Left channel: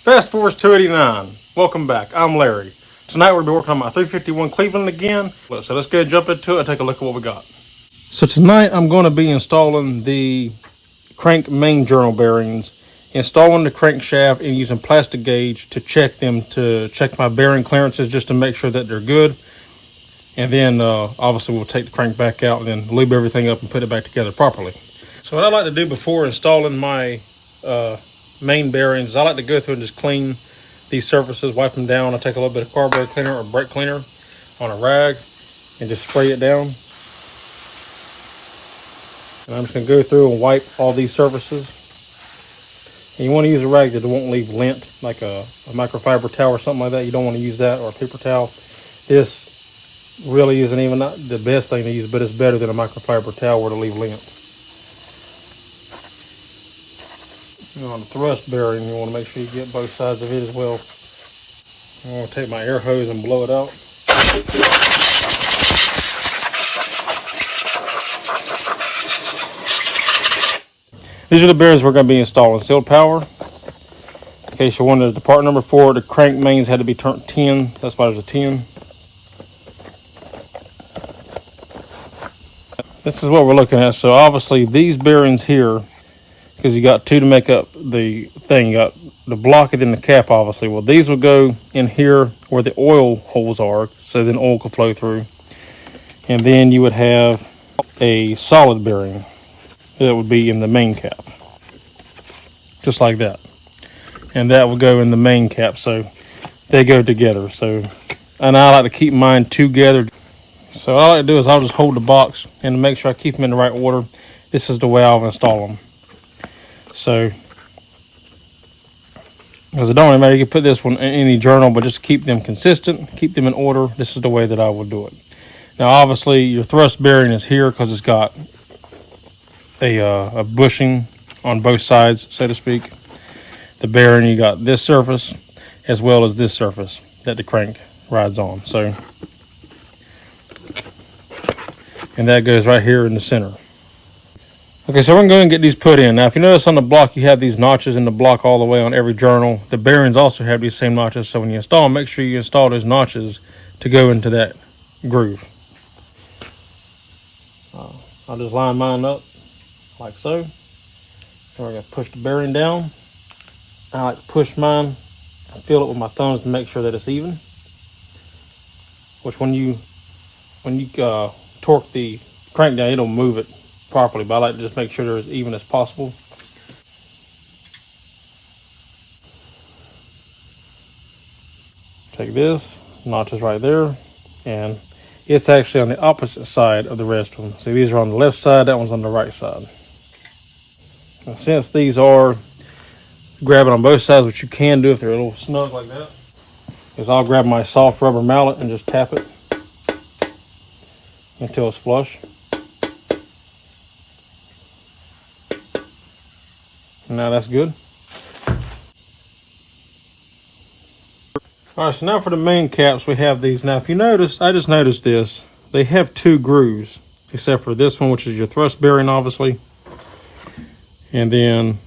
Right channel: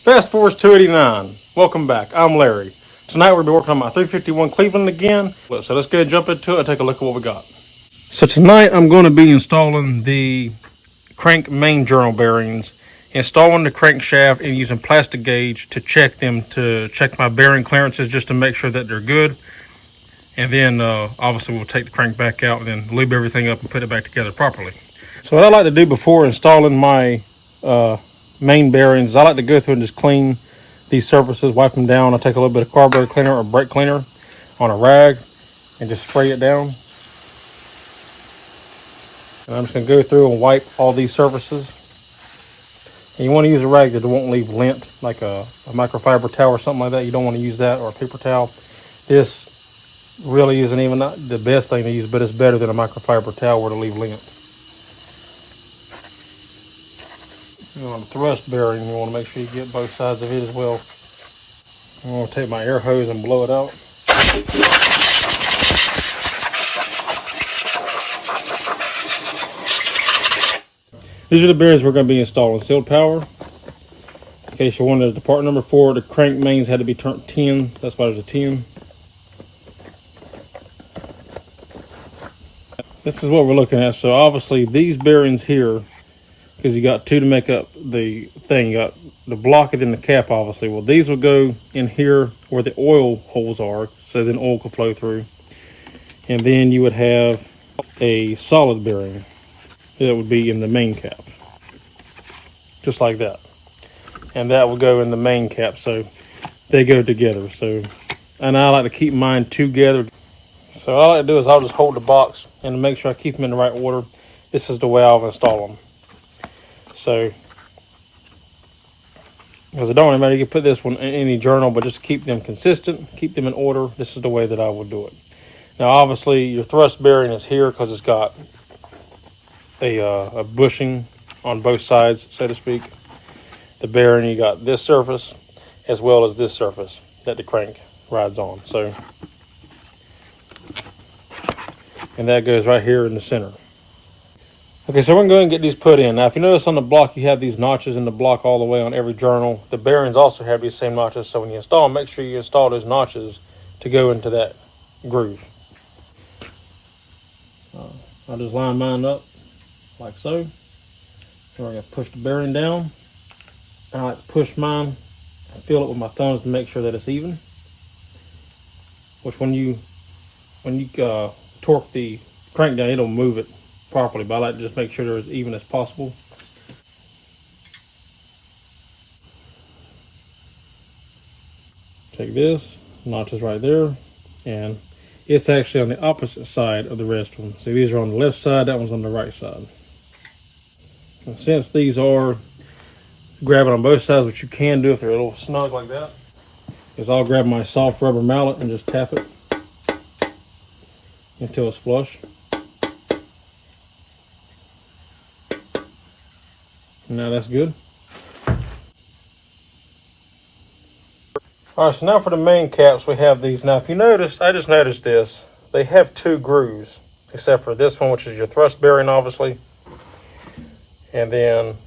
Fast Force 289. Welcome back. I'm Larry. Tonight we'll be working on my 351 Cleveland again. So let's go ahead and jump into it and take a look at what we got. So tonight I'm going to be installing the crank main journal bearings, installing the crankshaft and using plastic gauge to check my bearing clearances just to make sure that they're good. And then obviously we'll take the crank back out and then lube everything up and put it back together properly. So what I like to do before installing my main bearings, I like to go through and just clean these surfaces, wipe them down. I take a little bit of carburetor cleaner or brake cleaner on a rag and just spray it down. And I'm just going to go through and wipe all these surfaces. And you want to use a rag that won't leave lint, like a microfiber towel or something like that. You don't want to use that, or a paper towel. This really isn't even not the best thing to use, but it's better than a microfiber towel where to leave lint. On the thrust bearing, you want to make sure you get both sides of it as well. I'm going to take my air hose and blow it out. These are the bearings we're going to be installing. Sealed power. In case you're wondering, the part number 4, the crank mains had to be turned 10. That's why there's a 10. This is what we're looking at. So obviously these bearings here, because you got 2 to make up the thing. You got the block and then the cap, obviously. Well, these will go in here where the oil holes are, so then oil can flow through. And then you would have a solid bearing that would be in the main cap, just like that. And that would go in the main cap, so they go together. So, and I like to keep mine together. So all I like to do is I'll just hold the box and to make sure I keep them in the right order. This is the way I'll install them. So, because it don't really matter, you can put this one in any journal, but just keep them consistent, keep them in order. This is the way that I would do it. Now, obviously, your thrust bearing is here because it's got a bushing on both sides, so to speak. The bearing, you got this surface as well as this surface that the crank rides on. So, and that goes right here in the center. Okay, so we're going to go and get these put in. Now, if you notice on the block, you have these notches in the block all the way on every journal. The bearings also have these same notches, so when you install them, make sure you install those notches to go into that groove. I'll just line mine up like so. And we're going to push the bearing down. I like to push mine and feel it with my thumbs to make sure that it's even. Which when you torque the crank down, it'll move it properly, but I like to just make sure they're as even as possible. Take this, notches right there, and it's actually on the opposite side of the rest of them. See, these are on the left side, that one's on the right side. And since these are grabbing on both sides, which you can do if they're a little snug like that, is I'll grab my soft rubber mallet and just tap it until it's flush. Now that's good. All right, so now for the main caps, we have these. Now, if you notice, I just noticed this. They have 2 grooves, except for this one, which is your thrust bearing, obviously. And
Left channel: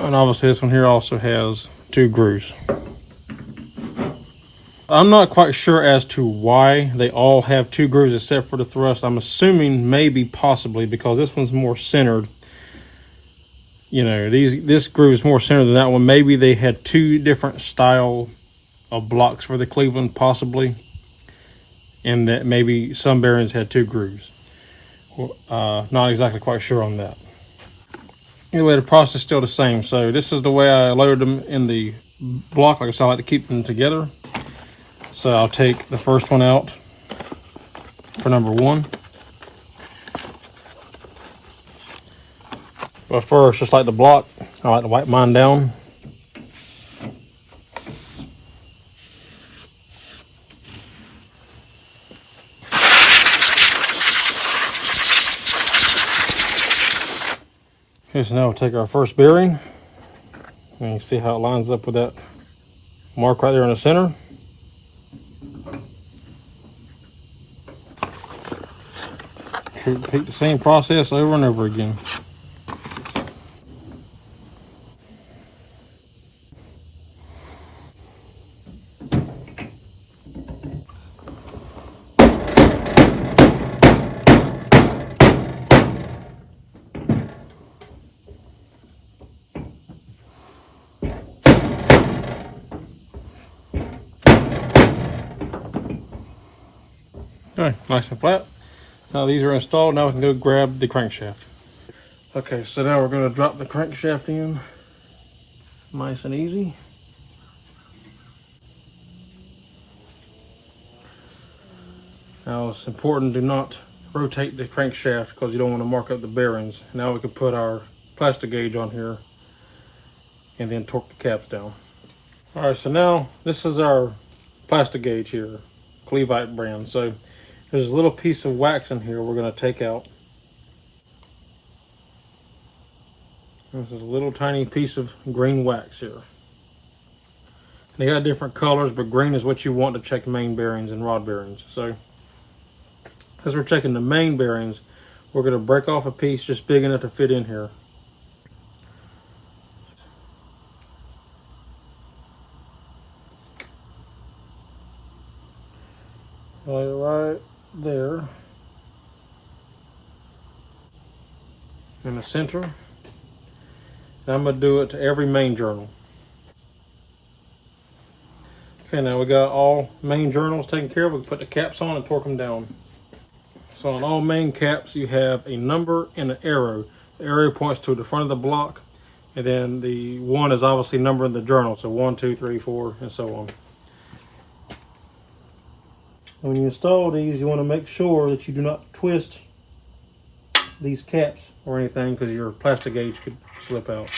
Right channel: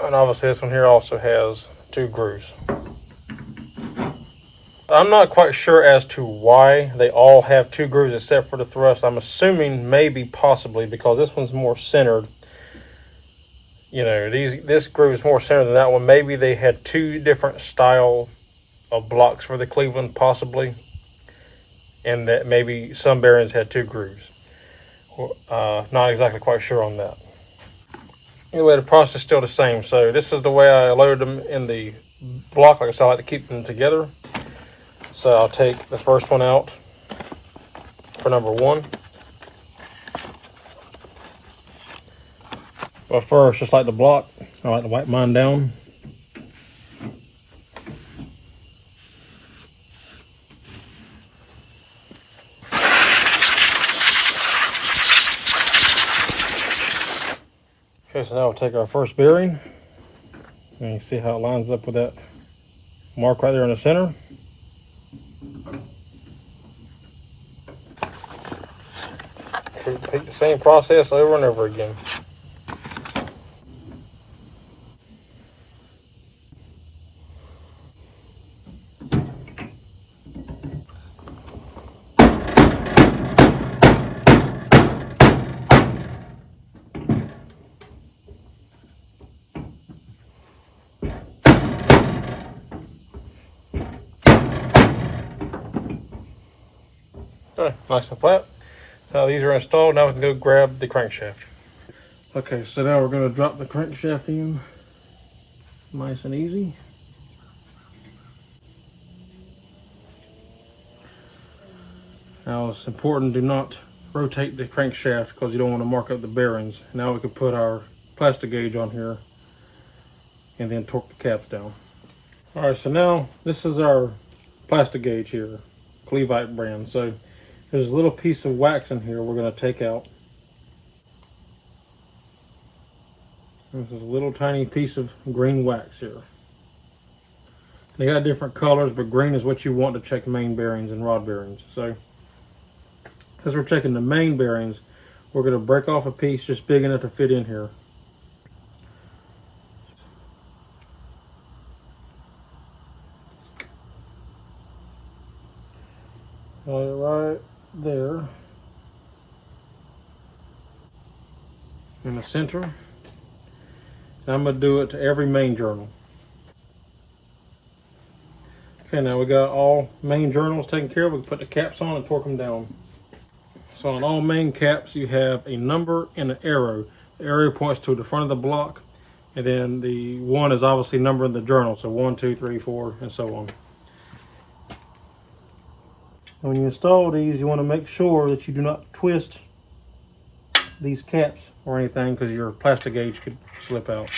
obviously this one here also has 2 grooves. I'm not quite sure as to why they all have 2 grooves except for the thrust. I'm assuming maybe possibly because this one's more centered. You know, this groove is more centered than that one. Maybe they had 2 different style of blocks for the Cleveland, possibly, and that maybe some bearings had 2 grooves. Not exactly quite sure on that. Anyway, the process is still the same. So this is the way I loaded them in the block. Like I said, I like to keep them together. So I'll take the first one out for number 1. But first, just like the block, I like to wipe mine down. Okay, so now we'll take our first bearing. And you see how it lines up with that mark right there in the center. Repeat the same process over and over again. Okay, nice and flat. Now these are installed. Now we can go grab the crankshaft. Okay, so now we're going to drop the crankshaft in, nice and easy. Now it's important to not rotate the crankshaft because you don't want to mark up the bearings. Now we can put our plastic gauge on here and then torque the caps down. All right, so now this is our plastic gauge here, Clevite brand. So there's a little piece of wax in here we're going to take out. This is a little tiny piece of green wax here. They got different colors, but green is what you want to check main bearings and rod bearings. So as we're checking the main bearings, we're going to break off a piece just big enough to fit in here. Right there in the center. And I'm going to do it to every main journal. Okay, now we got all main journals taken care of. We can put the caps on and torque them down. So on all main caps, you have a number and an arrow. The arrow points to the front of the block, and then the 1 is obviously numbering the journal. So 1, 2, 3, 4, and so on. When you install these, you want to make sure that you do not twist these caps or anything, because your plastic gauge could slip out.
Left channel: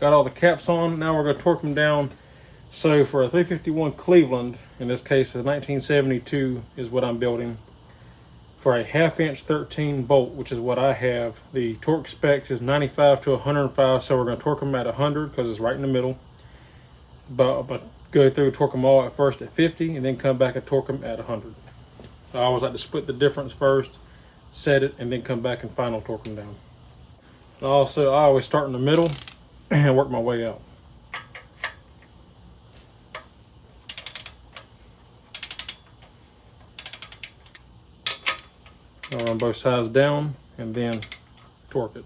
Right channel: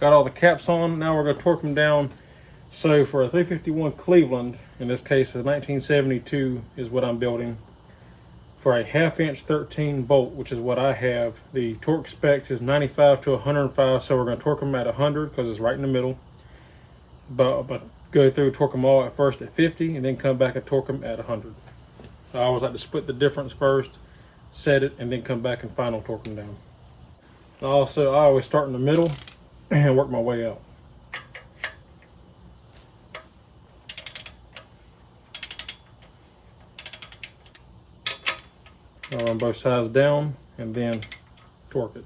Got all the caps on. Now we're going to torque them down. So for a 351 Cleveland, in this case a 1972 is what I'm building, for a 1/2 inch 13 bolt, which is what I have, the torque specs is 95 to 105. So we're going to torque them at 100 because it's right in the middle. But go through, torque them all at first at 50, and then come back and torque them at 100. I always like to split the difference first, set it, and then come back and final torque them down. And also, I always start in the middle and work my way out. I'll run both sides down and then torque it.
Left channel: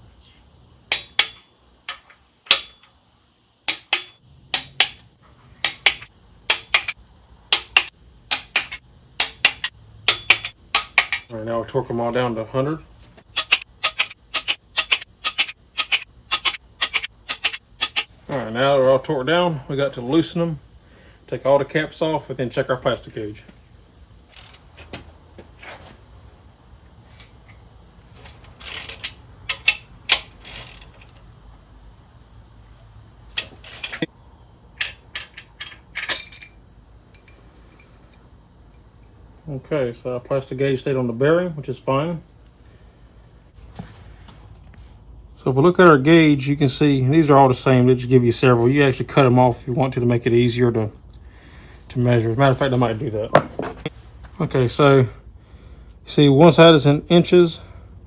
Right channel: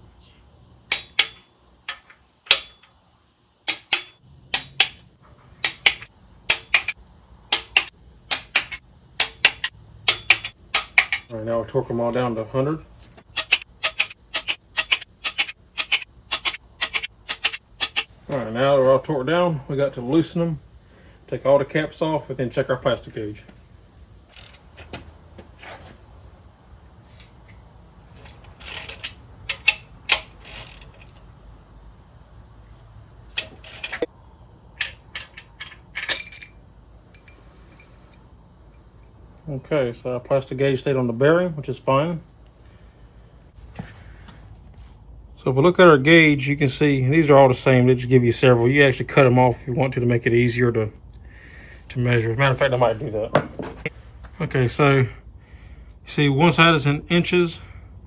All right, now we'll torque them all down to 100. All right, now they're all torqued down. We got to loosen them, take all the caps off, and then check our plastic gauge. Okay, so our plastic gauge stayed on the bearing, which is fine. So if we look at our gauge, you can see these are all the same. They just give you several. You actually cut them off if you want to make it easier to measure. As a matter of fact, I might do that. Okay, so you see one side is in inches,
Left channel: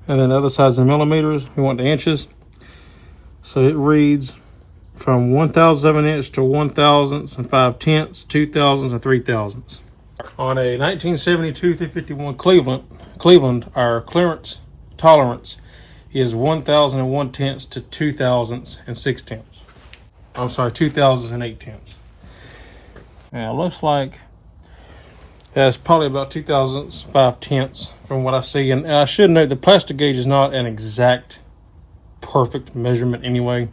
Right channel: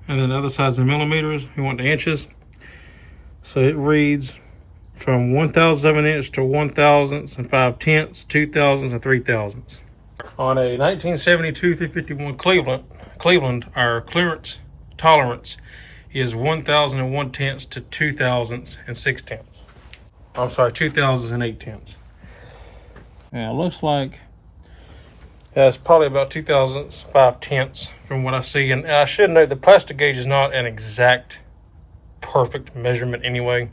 and then the other side is in millimeters. We want the inches. So it reads from 1/1000 of an inch to 1/1000 and 5/10, 2/1000 and 3/1000. On a 1972 351 Cleveland, our clearance tolerance is 1/1001 to 2/1000 and 6/10. I'm sorry, 2/1000 and 8/10. Now it looks like that's probably about 2/1000 5/10 from what I see. And I should note the plastic gauge is not an exact perfect measurement anyway.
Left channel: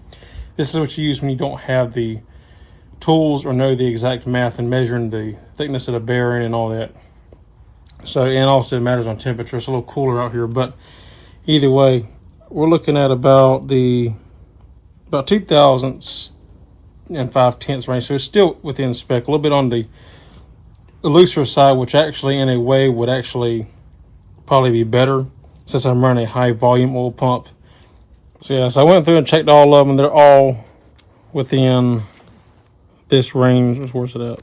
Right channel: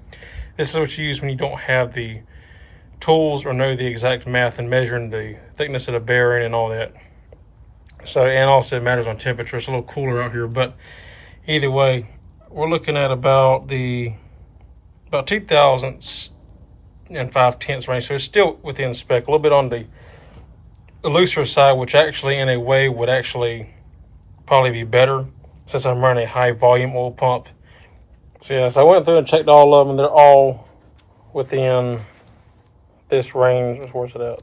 This is what you use when you don't have the tools or know the exact math and measuring the thickness of the bearing and all that. So, and also it matters on temperature. It's a little cooler out here, but either way, we're looking at about 2/1000 and 5/10 range. So it's still within spec, a little bit on the looser side, which actually in a way would actually probably be better since I'm running a high volume oil pump. So yes, I went through and checked all of them. They're all within this range. Where's it at?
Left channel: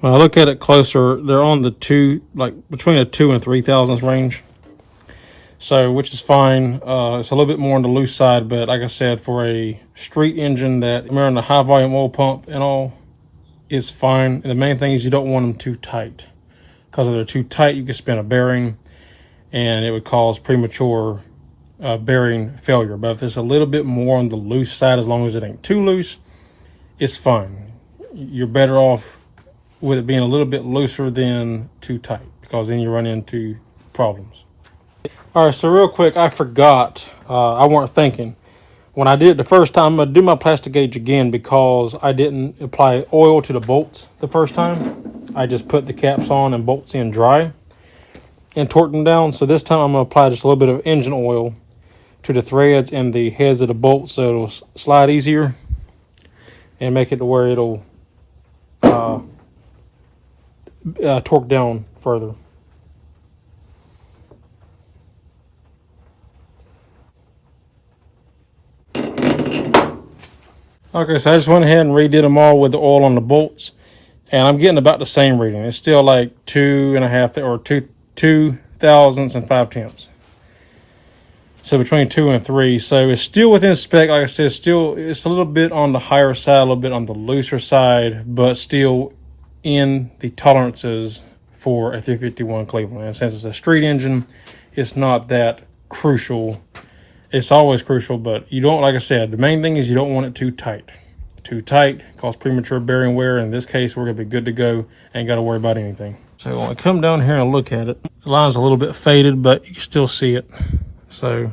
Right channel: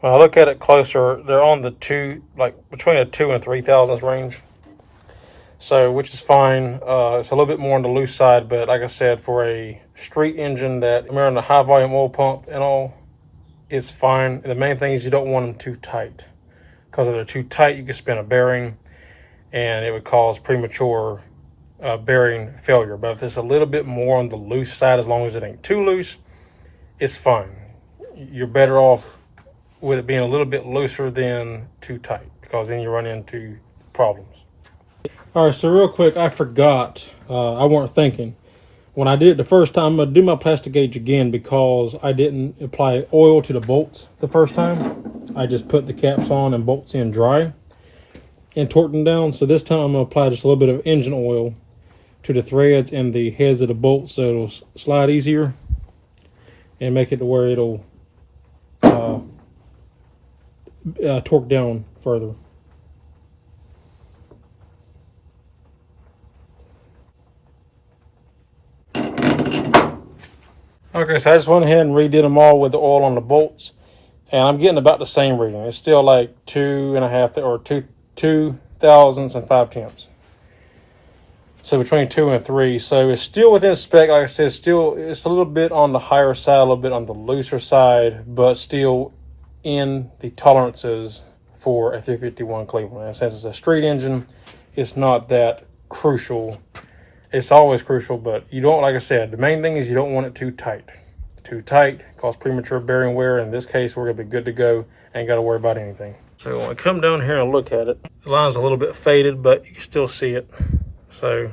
When I look at it closer, they're on the between a 2 and 3/1000 range. So, which is fine. It's a little bit more on the loose side, but like I said, for a street engine that I'm running a high volume oil pump and all, it's fine. And the main thing is you don't want them too tight. because if they're too tight, you can spin a bearing and it would cause premature bearing failure. But if it's a little bit more on the loose side, as long as it ain't too loose, it's fine. You're better off with it being a little bit looser than too tight, because then you run into problems. All right, so real quick, I forgot. I weren't thinking. When I did it the first time, I'm going to do my plastic gauge again because I didn't apply oil to the bolts the first time. I just put the caps on and bolts in dry and torqued them down. So this time I'm going to apply just a little bit of engine oil to the threads and the heads of the bolts so it'll slide easier and make it to where it'll torque down further. Okay, so I just went ahead and redid them all with the oil on the bolts, and I'm getting about the same reading. It's still like 2.5 or 2 thousandths and 5/10. So between 2 and 3. So it's still within spec. Like I said, still it's a little bit on the higher side, a little bit on the looser side, but still in the tolerances for a 351 Cleveland. And since it's a street engine, it's not that crucial. It's always crucial, but you don't, like I said, the main thing is you don't want it too tight. Too tight causes premature bearing wear. In this case, we're going to be good to go. Ain't got to worry about anything. So when I come down here and look at it, the line's a little bit faded, but you can still see it. So,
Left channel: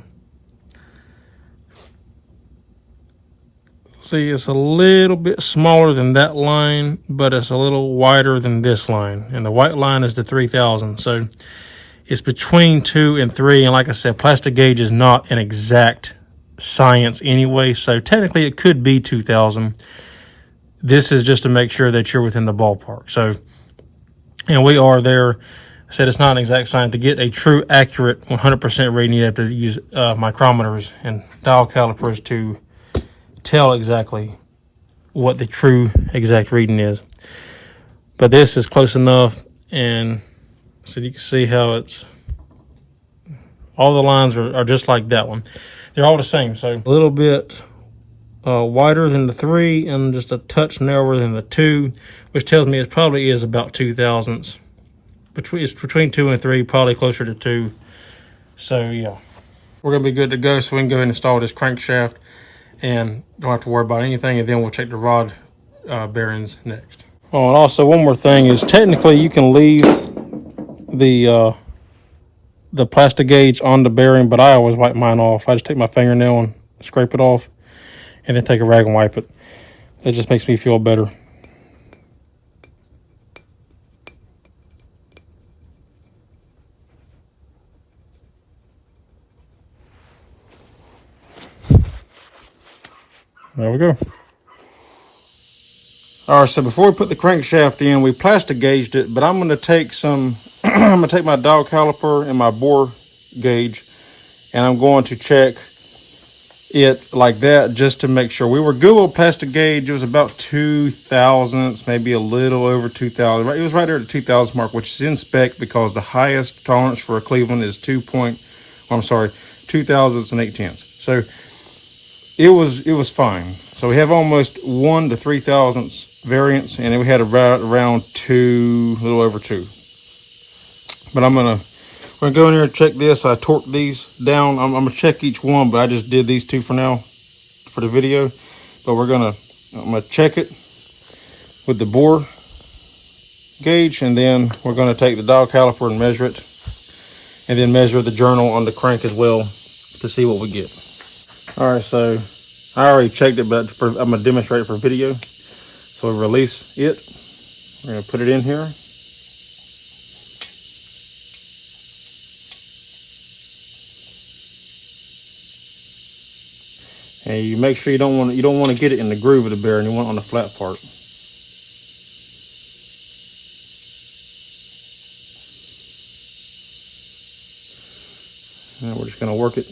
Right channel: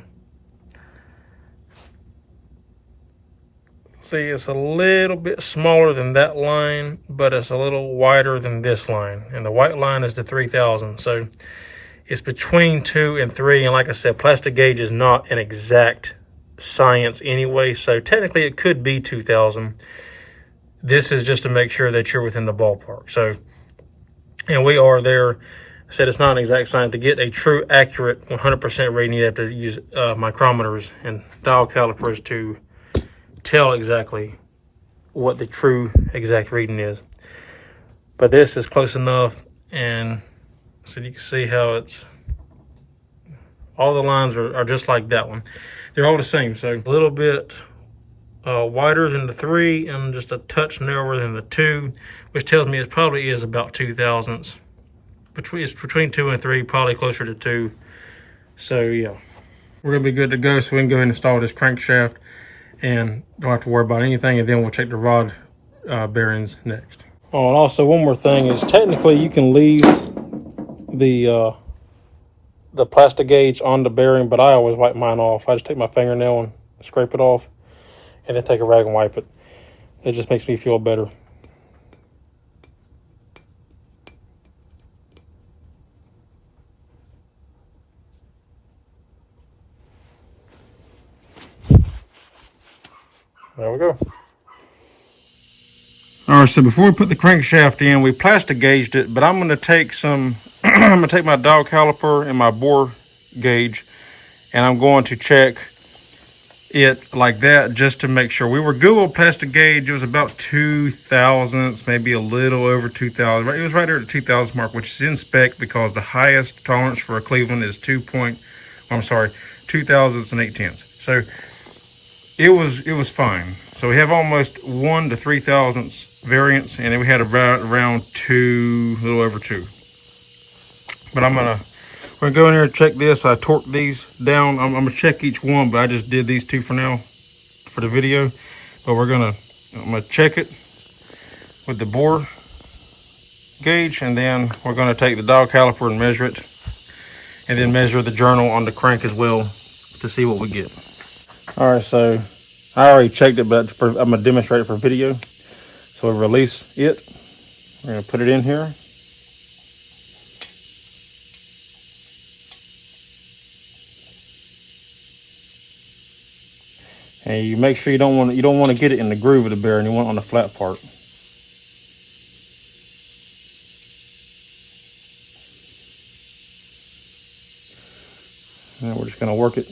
see, it's a little bit smaller than that line, but it's a little wider than this line. And the white line is the 3000. So it's between 2 and 3, and like I said, plastic gauge is not an exact science anyway, so technically it could be 2000. This is just to make sure that you're within the ballpark. So, and we are there. I said it's not an exact science. To get a true, accurate 100% reading, you have to use micrometers and dial calipers to tell exactly what the true exact reading is. But this is close enough, and so you can see how it's, all the lines are just like that one. They're all the same. So a little bit wider than the 3 and just a touch narrower than the 2, which tells me it probably is about 2 thousandths. It's between 2 and 3, probably closer to 2. So yeah, we're gonna be good to go. So we can go ahead and install this crankshaft and don't have to worry about anything. And then we'll check the rod bearings next. Oh, and also one more thing is technically you can leave the plastic gauge on the bearing, but I always wipe mine off. I just take my fingernail and scrape it off and then take a rag and wipe it. It just makes me feel better. There we go. All right, so before we put the crankshaft in, we plastic gauged it, but I'm going to take some, I'm going to take my dial caliper and my bore gauge, and I'm going to check it like that just to make sure. We were good with plastic gauge. It was about 2 thousandths, maybe a little over 2,000. It was right there at the 2,000 mark, which is in spec because the highest tolerance for a Cleveland is 2 thousandths and 8 tenths. So it was fine. So we have almost 1 to 3 thousandths variance, and then we had around 2, a little over 2. But we're gonna go in here and check this. I torqued these down. I'm gonna check each one, but I just did these 2 for now for the video. But I'm gonna check it with the bore gauge, and then we're gonna take the dial caliper and measure it, and then measure the journal on the crank as well to see what we get. All right, so I already checked it, but I'm gonna demonstrate it for video. So we release it. We're gonna put it in here. And you make sure you don't want to get it in the groove of the bearing. You want it on the flat part. And we're just gonna work it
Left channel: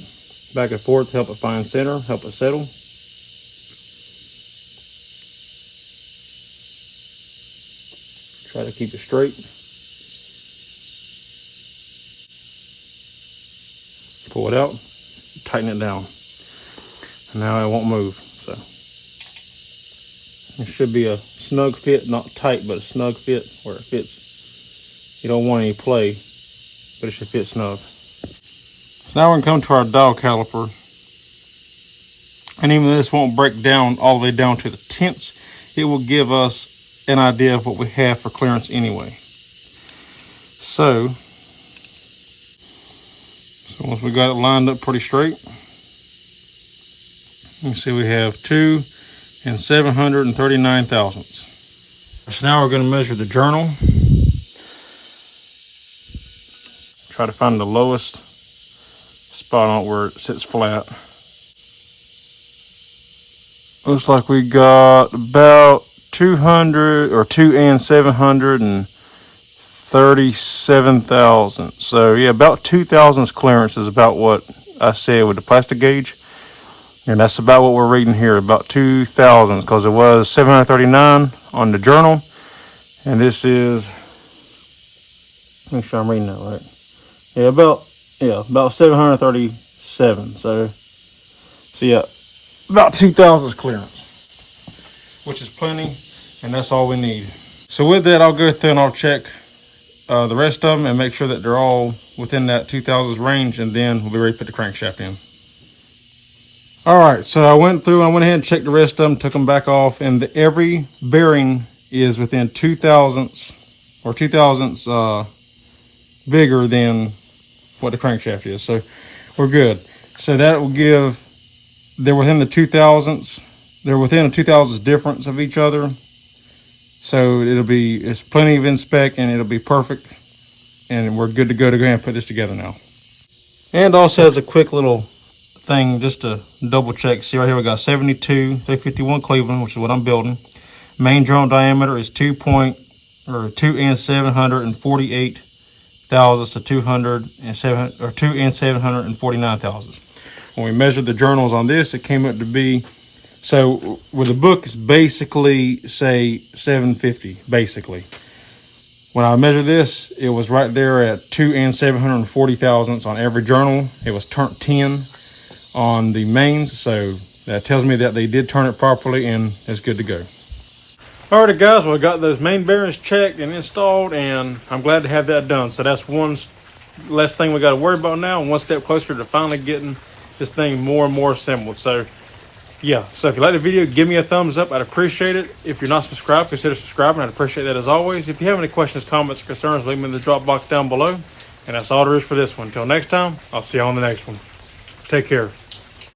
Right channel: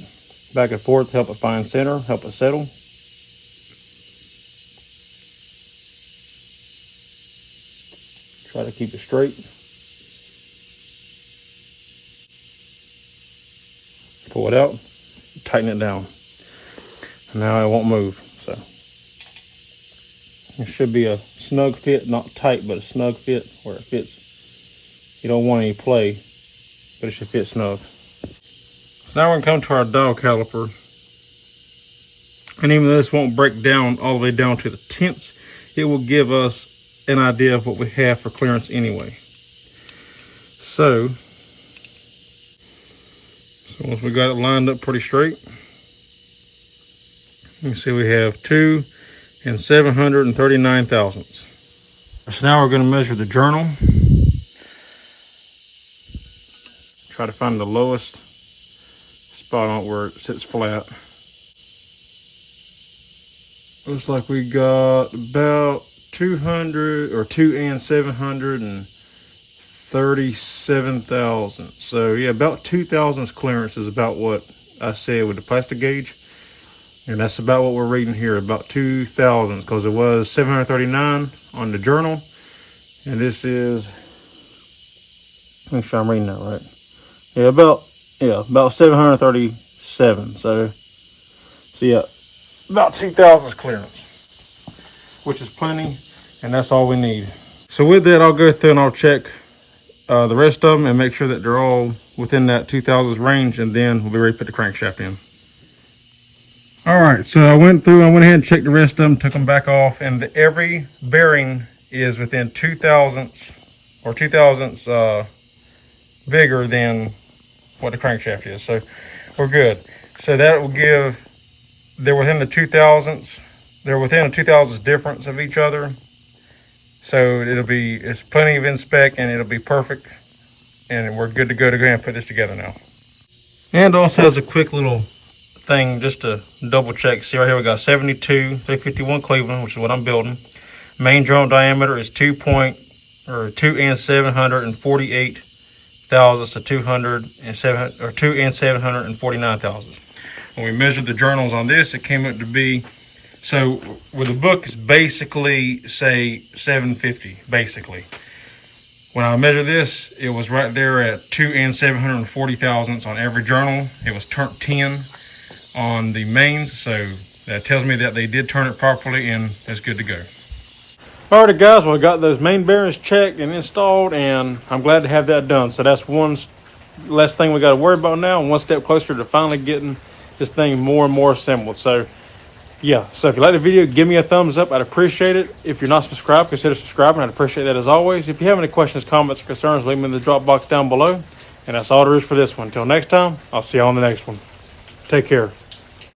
back and forth, help it find center, help it settle. Try to keep it straight. Pull it out, tighten it down. And now it won't move. So it should be a snug fit, not tight, but a snug fit where it fits you don't want any play, but it should fit snug. Now we're going to come to our dial caliper. And even though this won't break down all the way down to the tenths, it will give us an idea of what we have for clearance anyway. So once we got it lined up pretty straight, you can see we have 2 739 thousandths. So now we're going to measure the journal. Try to find the lowest spot on it where it sits flat. Looks like we got about 200 or 2 737 thousandths. So yeah, about 2 thousandths clearance is about what I said with the plastic gauge. And that's about what we're reading here, about 2 thousandths, because it was 739 on the journal. And this is, make sure I'm reading that right. Yeah, about 737. So yeah, about 2 thousandths clearance, which is plenty, and that's all we need. So with that, I'll go through and I'll check the rest of them and make sure that they're all within that 2 thousandths range, and then we'll be ready to put the crankshaft in. All right, so I went through and went ahead and checked the rest of them, took them back off, and every bearing is within 2 thousandths or 2 thousandths bigger than what the crankshaft is. So we're good. So that will give, they're within the 2 thousandths. They're within a 2 thousandths difference of each other. So it's plenty of in spec, and it'll be perfect. And we're good to go ahead and put this together now. And also as a quick little thing, just to double check, see right here we got 72 351 Cleveland, which is what I'm building. Main journal diameter is 2 748 thousandths to 2 749 thousandths. When we measured the journals on this, it came up to be, so with the book it's basically say 750 basically. When I measured this, it was right there at 2 740 thousandths on every journal. It was turned 10 on the mains, so that tells me that they did turn it properly and it's good to go. Alrighty guys, well, I got those main bearings checked and installed, and I'm glad to have that done. So that's one less thing we got to worry about now, and one step closer to finally getting this thing more and more assembled. So yeah, so if you like the video, give me a thumbs up. I'd appreciate it. If you're not subscribed, consider subscribing. I'd appreciate that as always. If you have any questions, comments, or concerns, leave them in the drop box down below. And that's all there is for this one. Until next time, I'll see you on the next one. Take care.